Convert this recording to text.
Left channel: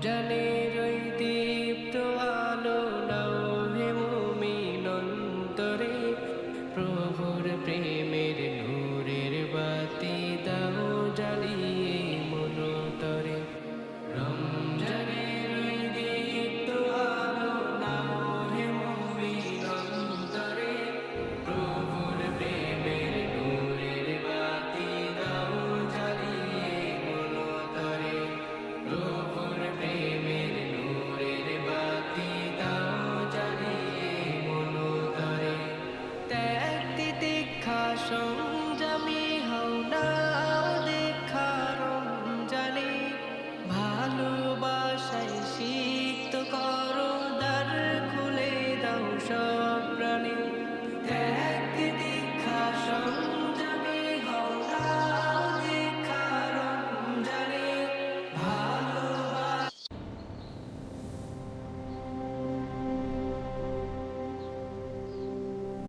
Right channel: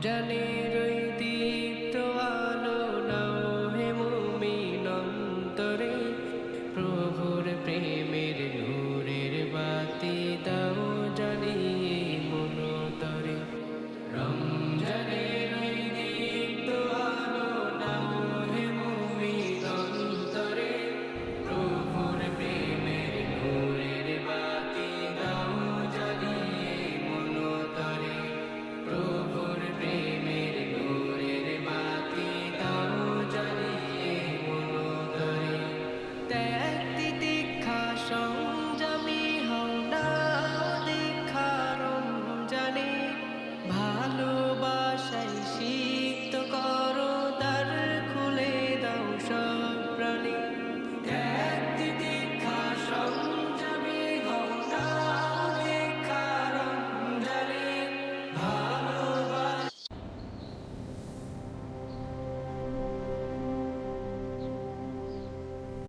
রমজানের ওই দীপ্ত আলো নাও হে মুমিন অন্তরে, প্রভুর প্রেমের নূরের বাতি দাও জ্বালিয়ে।